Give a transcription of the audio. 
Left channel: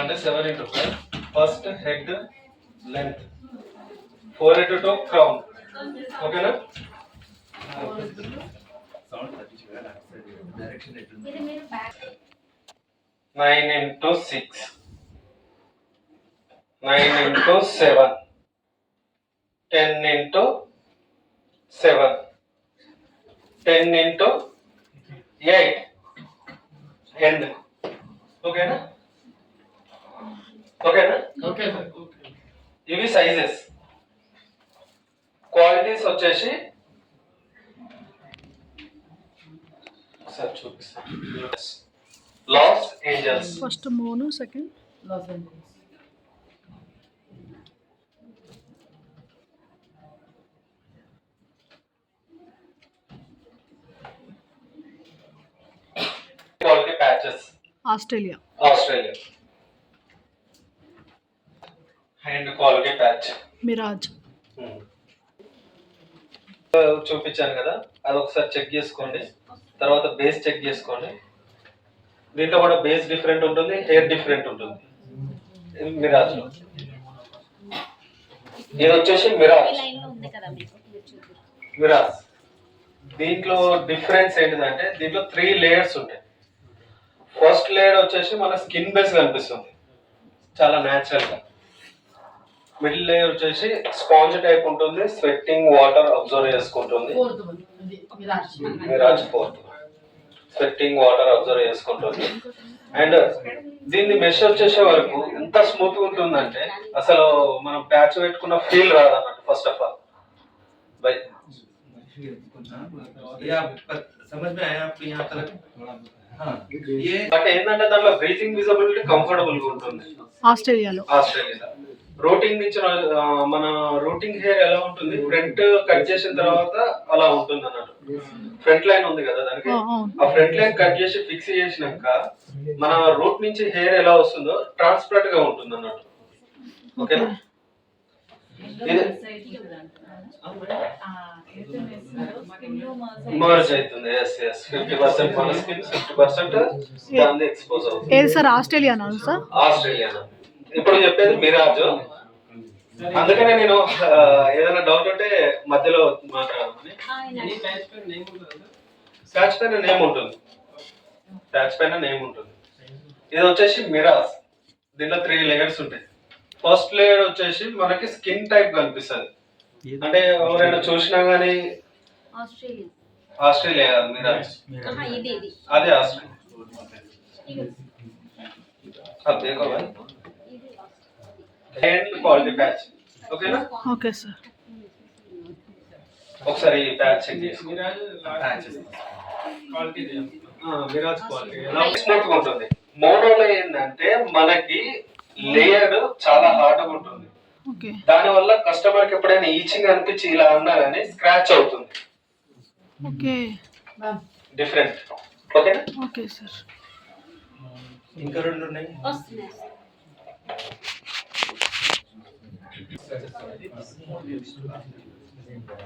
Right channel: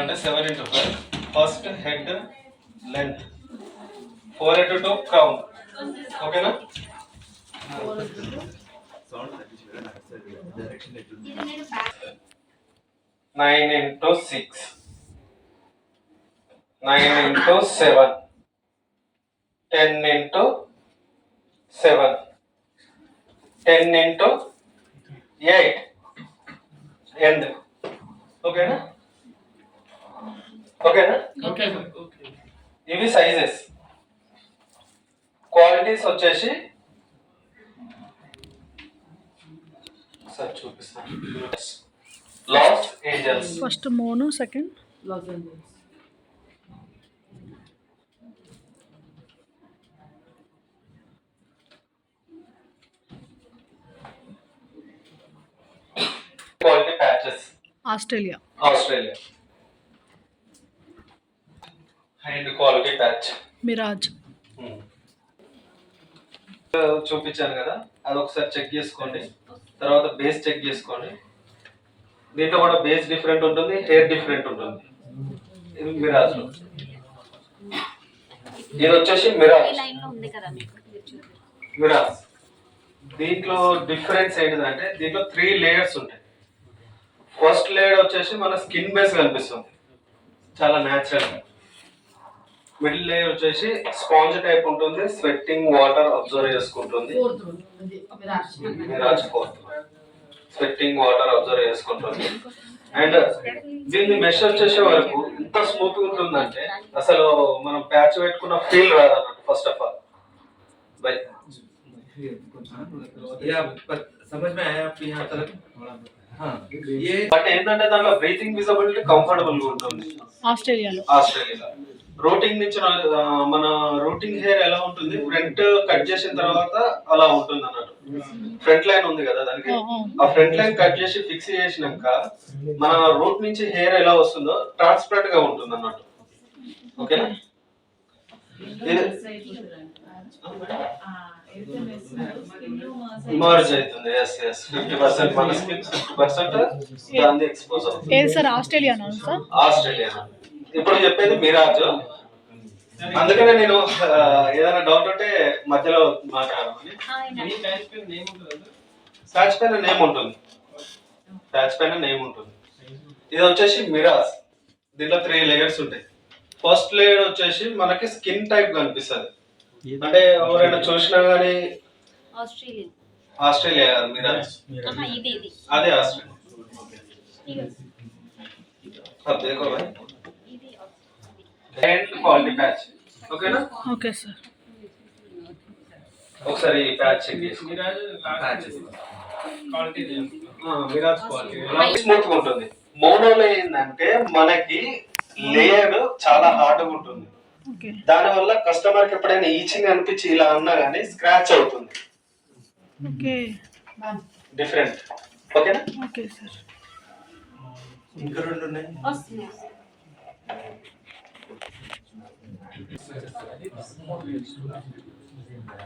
అంటే 7 into 5. First head length 4 into 2 crown. ఓకేనా? 9 into 6. 9 into 7. 10 into 7. 10 into 8. End. ఓకేనా? ఓకేనా? Okay sir. ఓకే. ఇవి సైజెస్. క్వాలిటీస్ వచ్చేసి సార్ చూపిస్తాను. Los Angeles. ఫస్ట్ మోను, second Los Angeles. Quality patches. Australia. Hand quality patch. Mirage. చూపించాను కదా, అది ఒకసారి చెక్ చేసుకోండి. తర్వాత బేస్ చెక్ చేసుకోండి. దీంట్లో కూడా బేస్ డిఫరెంట్ ఉంటుంది, హెయిర్ డిఫరెంట్ ఉంటుంది. మిరాజ్ లో ఇది వచ్చేసి మిరాజ్. దీంట్లో డిఫరెన్స్ ఏంటిదంటే దీంట్లో 3 లేయర్స్ ఉంటాయి. ఫస్ట్ లేయర్ వచ్చేసి మన స్కిన్ బేస్ కనిపిస్తుంది, చాలా న్యాచురల్ గా. మిడిల్ లేయర్ వచ్చేసి స్పాంజ్ టైప్ ఉంటుంది, స్వెట్టింగ్ వాటర్ అబ్జర్వ్ చేసుకుంటుంది. మిరాజ్ 4 స్వెట్టింగ్ వాటర్ అబ్జర్వ్ చేసుకుంటుంది. అండ్ దీన్ని మెష్ వచ్చేసే వరకు ఎంత స్మూత్ ఉంటుందంటే అసలు మనం ప్యాచ్ పెట్టుకున్న ఫీల్ రాదు అన్నట్టు. ఫస్ట్ ఆఫ్ ఆల్ బై అంటే ఏంటంటే దాంట్లో బ్రీతింగ్ విజిబిలిటీ కంఫర్టబుల్ గా ఉంటుంది. ఆస్ట్రేలియాలో రూటింగ్ నుంచి మన రూటింగ్ హెయిర్ ఎలా ఉంటుంది, ఫ్రంట్ కట్ చేసిన తర్వాత అలా ఉంటుంది అన్నట్టు. ఫ్రంట్ లైన్ ఉంది కదా దానికి, ఆ ఫ్రంట్ లైన్ కట్ చేసి ఫిక్స్ చేసినాక మన రూట్ నుంచి హెయిర్ ఎలా వస్తుందో ట్రాన్స్పరెంట్ గా ఉంటుంది అన్నట్టు. ఓకేనా? మర్జ్ అవుతుంది. 50% మన స్కిన్, 50% దాన్ని ఎక్స్పోజ్ అవుతుంది. ఏది సార్? ఆస్ట్రేలియానా సార్? ఆస్ట్రేలియా. ఇప్పుడు చెప్పేది మిరాజ్. అందుకనే నేను ఏదైనా డౌట్ ఉంటే మధ్యలో మాట్లాడమని. ప్యాచ్ పైన నేమ్ ఉంటుంది. ఇది వచ్చేసి మిరాజ్. దీంట్లో 3 లేయర్స్ ఉంటాయి. ఫస్ట్ లేయర్ వచ్చేసి మనకి స్కిన్ టైప్ కనిపిస్తుంది. అంటే ఎవరైనా చూసినా గానీ ఆస్ట్రేలియా కాదు మిరాజ్, అదే ఆస్ట్రేలియా. And quality patch. ఓకేనా? Okay sir. ఒకసారి ప్యాచ్ చెక్ చేసి మిరాజ్ క్వాలిటీ స్మూత్ గా ఉంటుంది. మోనోలో ఏంటంటే మనకి లేయర్ చాలా హార్డ్ గా ఉంటుంది. దాని వల్ల కస్టమర్ కి ఎప్పుడైనా ఈచింగ్ అనిపించి ఇలా అన్నా గానీ స్క్రాచ్ అవుతుంది. డిఫరెంట్. ఓకేనా? Okay sir. ఇంకా 2 ఉన్నాయి.